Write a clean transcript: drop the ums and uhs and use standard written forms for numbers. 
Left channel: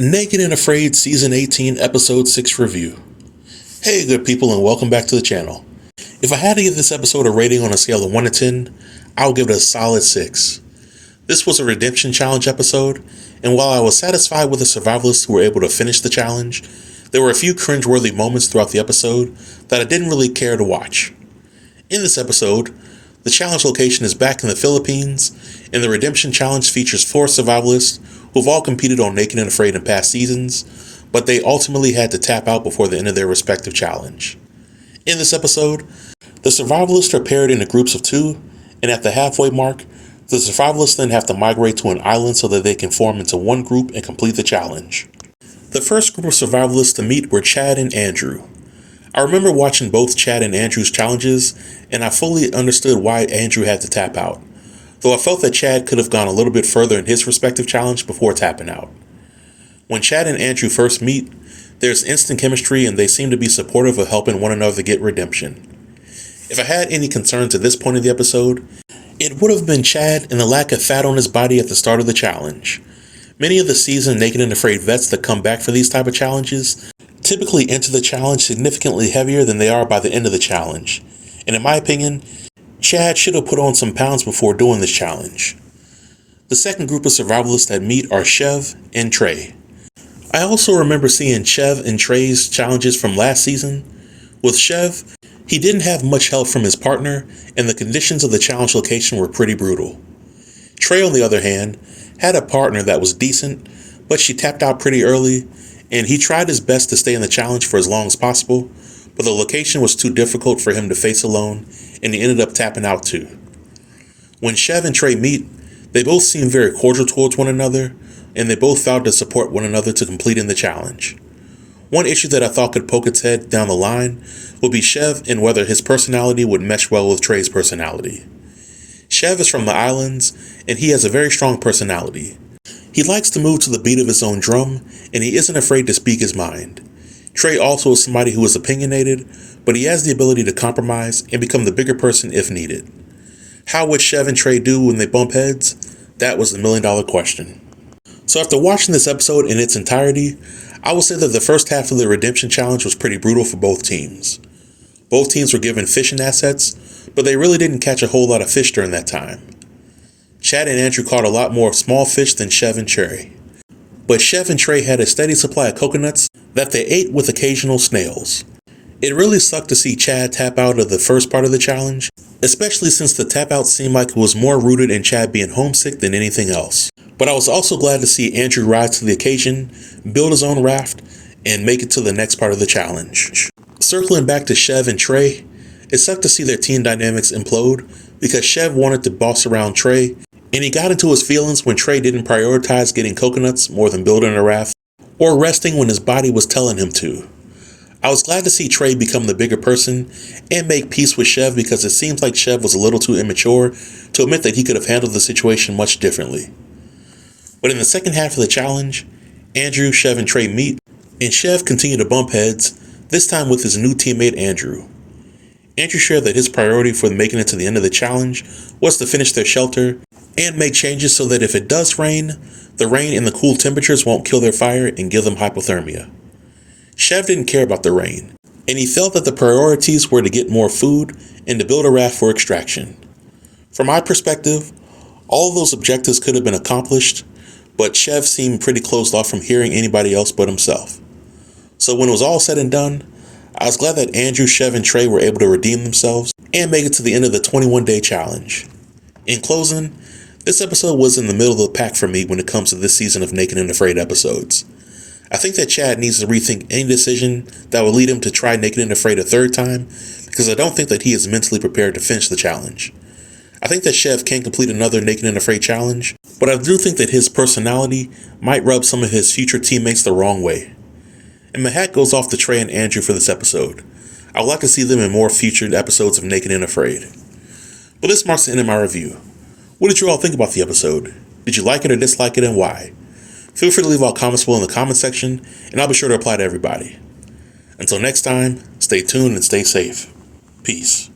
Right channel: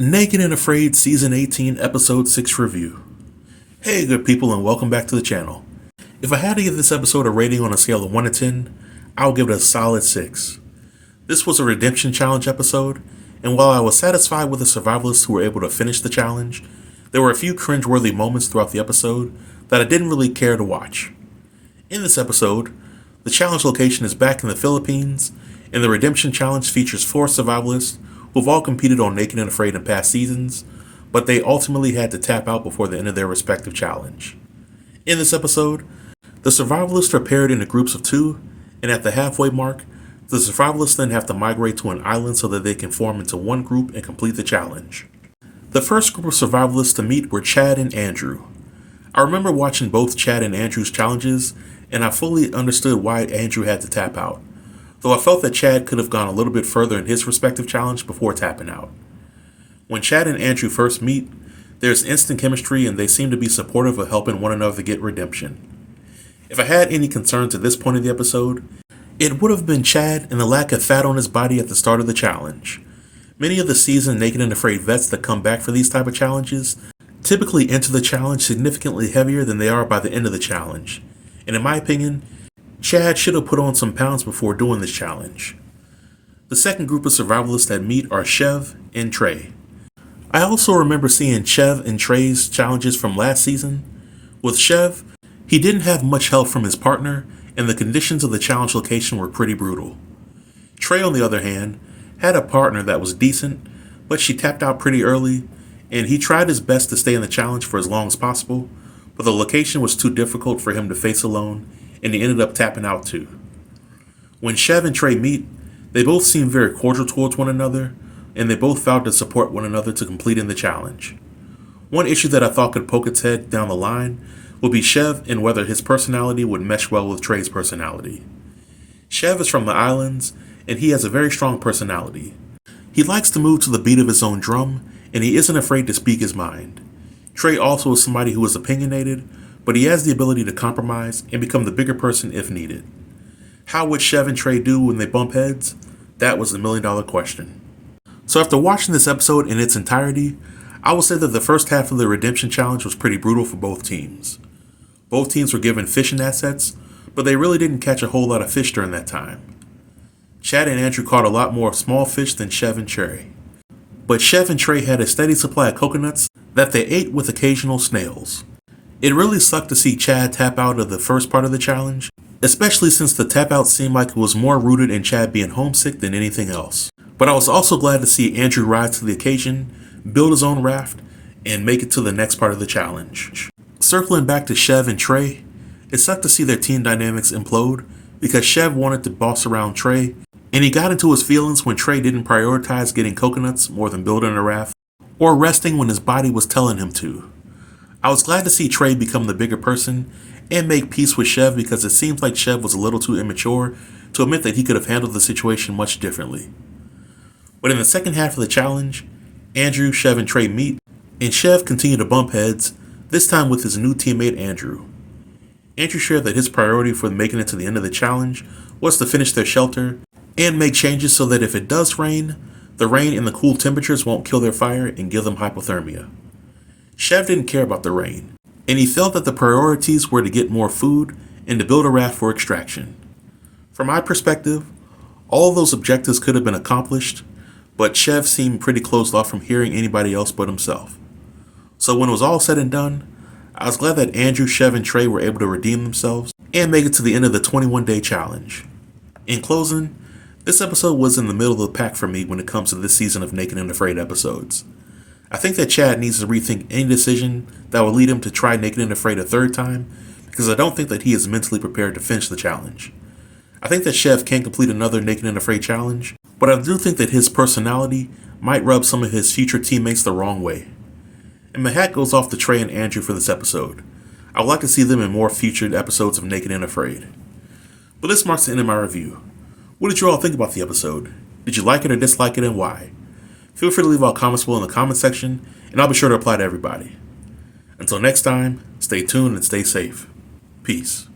Naked and Afraid Season 18 Episode 6 Review. Hey good people, and welcome back to the channel. If I had to give this episode a rating on a scale of 1 to 10, I would give it a solid 6. This was a redemption challenge episode, and while I was satisfied with the survivalists who were able to finish the challenge, there were a few cringeworthy moments throughout the episode that I didn't really care to watch. In this episode, the challenge location is back in the Philippines, and the redemption challenge features 4 survivalists who've all competed on Naked and Afraid in past seasons, but they ultimately had to tap out before the end of their respective challenge. In this episode, the survivalists are paired into groups of 2, and at the halfway mark, the survivalists then have to migrate to an island so that they can form into one group and complete the challenge. The first group of survivalists to meet were Chad and Andrew. I remember watching both Chad and Andrew's challenges, and I fully understood why Andrew had to tap out, though I felt that Chad could have gone a little bit further in his respective challenge before tapping out. When Chad and Andrew first meet, there's instant chemistry and they seem to be supportive of helping one another get redemption. If I had any concerns at this point in the episode, it would have been Chad and the lack of fat on his body at the start of the challenge. Many of the seasoned Naked and Afraid vets that come back for these type of challenges typically enter the challenge significantly heavier than they are by the end of the challenge, and in my opinion, Chad should have put on some pounds before doing this challenge. The second group of survivalists that meet are Chev and Trey. I also remember seeing Chev and Trey's challenges from last season. With Chev, he didn't have much help from his partner, and the conditions of the challenge location were pretty brutal. Trey, on the other hand, had a partner that was decent, but she tapped out pretty early, and he tried his best to stay in the challenge for as long as possible, but the location was too difficult for him to face alone, and he ended up tapping out too. When Chev and Trey meet, they both seem very cordial towards one another, and they both vowed to support one another to completing the challenge. One issue that I thought could poke its head down the line would be Chev and whether his personality would mesh well with Trey's personality. Chev is from the islands, and he has a very strong personality. He likes to move to the beat of his own drum, and he isn't afraid to speak his mind. Trey also is somebody who is opinionated, but he has the ability to compromise and become the bigger person if needed. How would Chev and Trey do when they bump heads? That was the million-dollar question. So after watching this episode in its entirety, I will say that the first half of the redemption challenge was pretty brutal for both teams. Both teams were given fishing assets, but they really didn't catch a whole lot of fish during that time. Chad and Andrew caught a lot more small fish than Chev and Trey. But Chev and Trey had a steady supply of coconuts that they ate with occasional snails. It really sucked to see Chad tap out of the first part of the challenge, especially since the tap out seemed like it was more rooted in Chad being homesick than anything else. But I was also glad to see Andrew rise to the occasion, build his own raft, and make it to the next part of the challenge. Circling back to Chev and Trey, it sucked to see their team dynamics implode because Chev wanted to boss around Trey, and he got into his feelings when Trey didn't prioritize getting coconuts more than building a raft, or resting when his body was telling him to. I was glad to see Trey become the bigger person and make peace with Chev because it seems like Chev was a little too immature to admit that he could have handled the situation much differently. But in the second half of the challenge, Andrew, Chev, and Trey meet, and Chev continued to bump heads, this time with his new teammate Andrew. Andrew shared that his priority for making it to the end of the challenge was to finish their shelter and make changes so that if it does rain, the rain and the cool temperatures won't kill their fire and give them hypothermia. Chev didn't care about the rain, and he felt that the priorities were to get more food and to build a raft for extraction. From my perspective, all of those objectives could have been accomplished, but Chev seemed pretty closed off from hearing anybody else but himself. So when it was all said and done, I was glad that Andrew, Chev, and Trey were able to redeem themselves and make it to the end of the 21-day challenge. In closing, this episode was in the middle of the pack for me when it comes to this season of Naked and Afraid episodes. I think that Chad needs to rethink any decision that will lead him to try Naked and Afraid a third time, because I don't think that he is mentally prepared to finish the challenge. I think that Chev can complete another Naked and Afraid challenge, but I do think that his personality might rub some of his future teammates the wrong way. And my hat goes off to Trey and Andrew for this episode. I would like to see them in more future episodes of Naked and Afraid. But this marks the end of my review. What did you all think about the episode? Did you like it or dislike it, and why? Feel free to leave all comments below in the comment section, and I'll be sure to reply to everybody. Until next time, stay tuned and stay safe. Peace.